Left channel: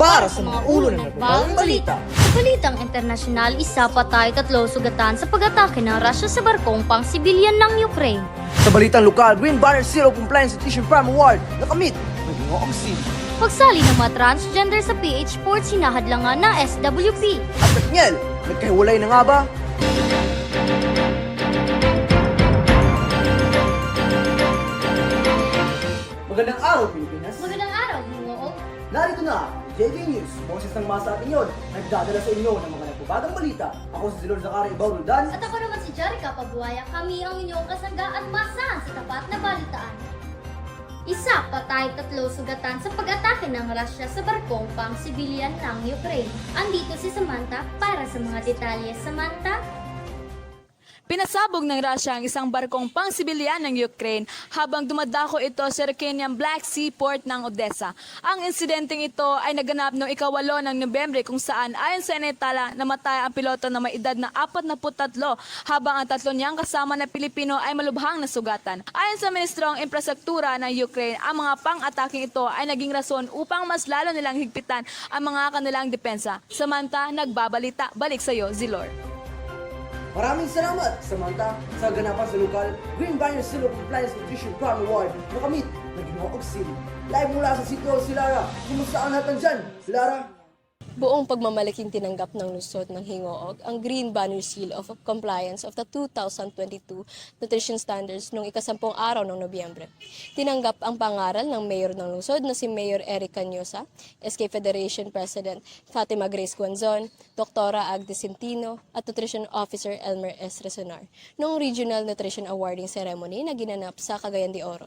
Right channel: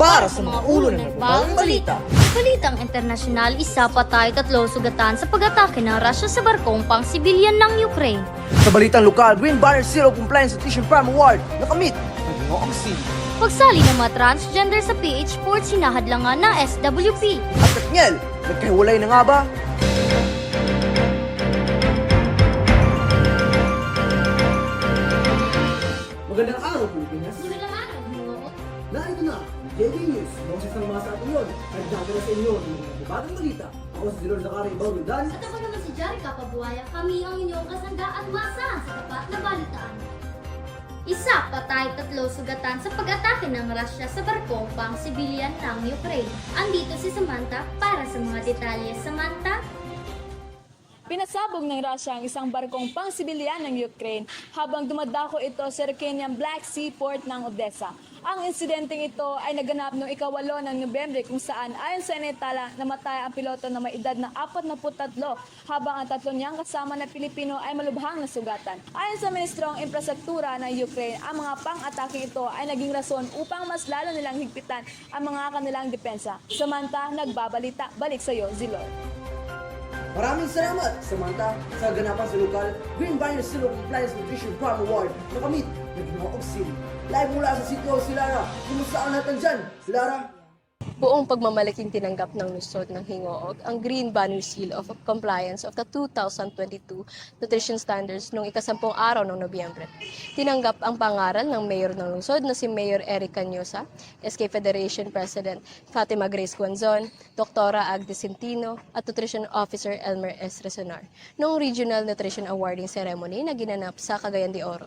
para sa mga ulo ng nagbabagong balita. Sa balitang internasyonal, isa patay, 3 sugatan sa pag-atake ng Russia sa barkong pang-sibilyan ng Ukraine. Sa balitang lokal, Green Banner Zero Compliance Nutrition Prime Award nakamit ng Gingoong City. Pagsali ng mga transgender sa PH Sports, hinahadlangan ng SWP. At Katniel, nagkahiwalay na nga ba? Magandang araw, Pilipinas! Magandang araw, Hingoog. Narito na, JJ News, boses ng mga sa atin yun, nagdadala sa inyo ng mga nagbabagang balita. Ako si Zilor Zacari Baurundan. At ako naman si Jerica Pabuaya. Kami ang inyong kasangga at masahan sa tapat na balitaan. Isa patay, 3 sugatan sa pag-atake ng Russia sa barkong pang-sibilyan ng Ukraine. Andito si Samantha para sa mga detalye. Samantha? Pinasabog ng Russia ang isang barkong pang-sibilyan ng Ukraine habang dumadako ito sa Ukrainian Black Sea port ng Odessa. Ang insidenteng ito ay naganap noong ika-8 ng Nobyembre kung saan ayon sa Inetala namatay ang piloto na may edad na 43 habang ang 3 niyang kasama na Pilipino ay malubhang nasugatan. Ayon sa Ministrong Infrastruktura ng Ukraine, ang mga pang-ataking ito ay naging rason upang mas lalo nilang higpitan ang mga kanilang depensa. Samantha, nagbabalita. Balik sa iyo, Zilor. Maraming salamat, Samantha, sa ganapan sa lokal Green Banner Zero Compliance Nutrition Prime Award nakamit ng Gingoong City. Live mula sa City Hall si Lara. Kumusta ang natin dyan, Lara? Buong pagmamalaking tinanggap ng lungsod ng Hingoog ang Green Banner Seal of Compliance of the 2022 Nutrition Standards noong ika-10 araw ng Nobyembre. Tinanggap ang pangaral ng Mayor ng lungsod na si Mayor Eric Cañosa, SK Federation President Fatima Grace Guanzon, Dr. Agnes Centino at Nutrition Officer Elmer S. Resonar noong Regional Nutrition Awarding Ceremony na ginanap sa Cagayan de Oro.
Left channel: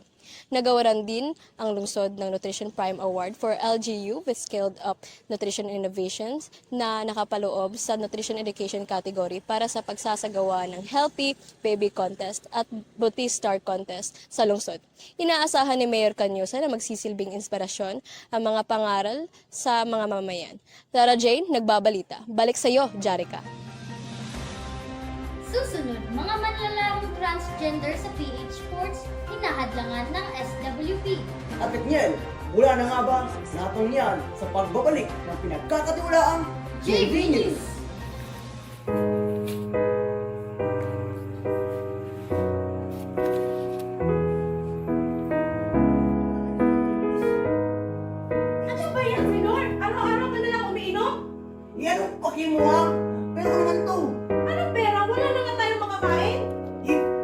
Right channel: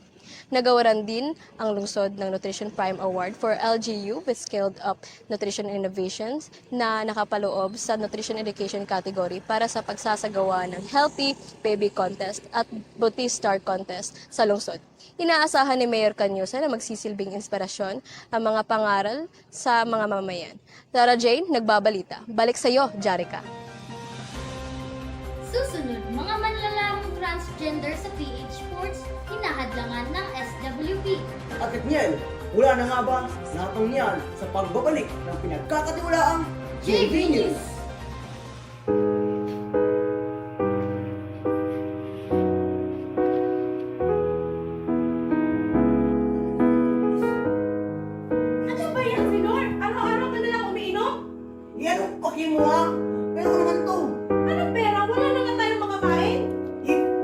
Nagawaran din ang lungsod ng Nutrition Prime Award for LGU with Scaled Up Nutrition Innovations na nakapaloob sa Nutrition Education category para sa pagsasagawa ng Healthy Baby Contest at Beauty Star Contest sa lungsod. Inaasahan ni Mayor Cañosa na magsisilbing inspirasyon ang mga pangaral sa mga mamayan. Tara Jane, nagbabalita. Balik sa iyo, Jerica. Susunod, mga manlalarong transgender sa PH Sports, hinahadlangan ng SWP. At Katniel, wala na nga ba natong yan sa pagbabalik ng pinagkakatiwalaang JV News? Ano ba yan, Senor? Araw-araw ka na lang umiinom? Yan ang paki mo ha? Pero naman to. Anong pera? Wala na nga tayong makakain?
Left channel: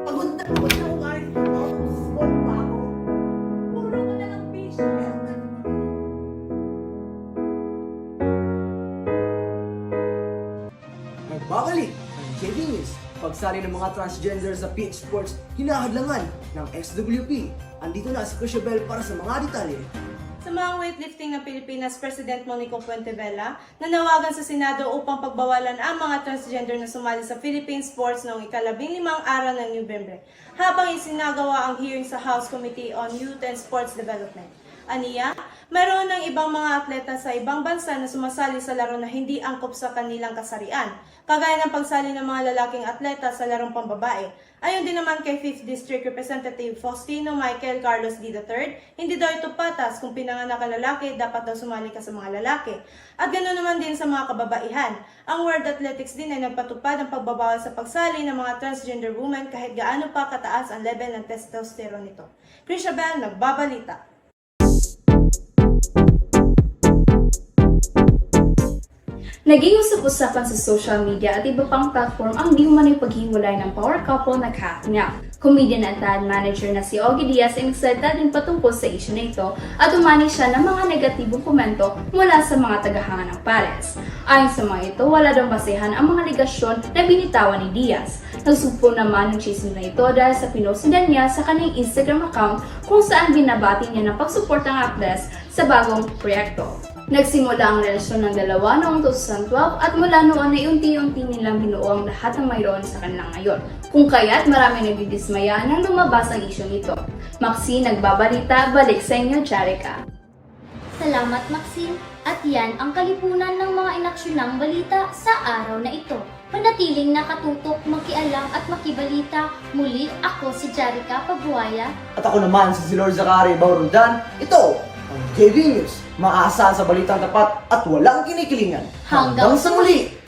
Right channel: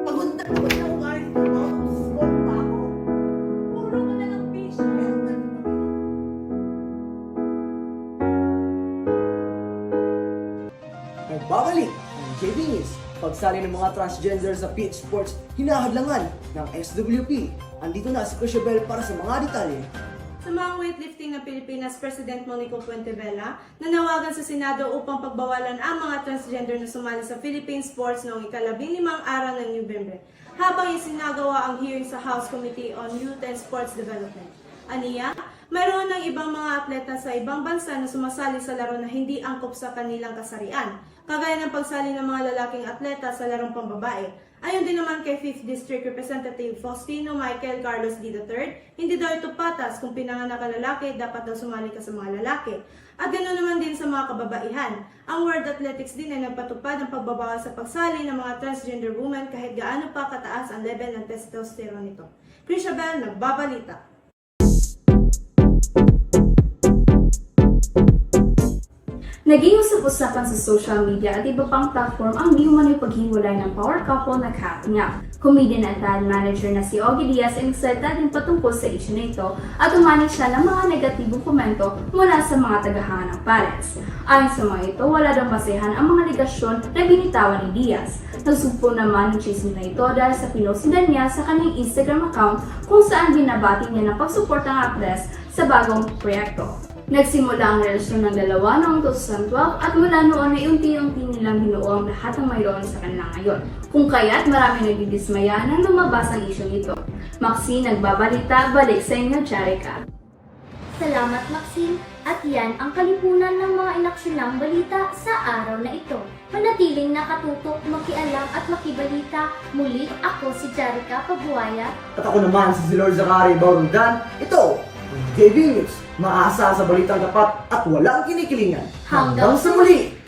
Pagod na ako kahit ito. Slot pa ako. Puro ka na lang fish. Nagbabalik ang JV News. Pagsali ng mga transgender sa PH Sports, hinahadlangan ng SWP. Andito na si Crishabel para sa mga detalye. Sa mga weightlifting ng Pilipinas, President Monico Puentevela nanawagan sa Senado upang pagbawalan ang mga transgender na sumali sa Philippine Sports noong ika-15 araw ng Nobyembre, habang isinagawa ang hearing sa House Committee on Youth and Sports Development. Aniya, mayroon ng ibang mga atleta sa ibang bansa na sumasali sa laro na hindi angkop sa kanilang kasarian, kagaya ng pagsali ng mga lalaking atleta sa larong pambabae. Ayon din naman kay 5th District Representative Faustino Michael Carlos D. III, hindi daw ito patas kung pinanganak ka lalaki, dapat daw sumali ka sa mga lalaki. At ganoon naman din sa mga kababaihan. Ang World Athletics din ay nagpatupad ng pagbabawal sa pagsali ng mga transgender women kahit gaano pa kataas ang level ng testosterone nito. Crishabel, nagbabalita. Naging usap-usapan sa social media at iba pang platform ang di umano'y paghiwalay ng power couple na Kat Ngap. Comedian at dad manager na si Ogie Diaz ay nagsalita din patungkol sa issue na ito at umani siya ng mga negatibong komento mula sa mga tagahanga ng pares. Ayon sa mga ito, wala daw basehan ang mga ligasyon na binitawan ni Diaz. Nagsugpo naman ng chismis na ito dahil sa pinusidan niya sa kanyang Instagram account kung saan binabati niya ng pagsuporta ng actress sa bagong proyekto. Nagsimula ang relasyon ng dalawa noong 2012 at mula noon ay unti-unti nilang binuo ang lahat ng mayroon sa kanila ngayon. Kung kaya't marami nagdidismaya nang lumabas ang isyu nito. Maxine, nagbabalita, balik sa inyo, Jerica. Salamat, Maxine. At yan ang kalipunan ng mga inaksyonang balita sa araw na ito. Manatiling nakatutok, makialam at makibalita. Muli, ako si Jerica Pabuaya. At ako naman si Zilor Zacari Baurundan. Ito Ang KB News, maaasahan sa balitang tapat at walang kinikilingan. Hanggang sa muli!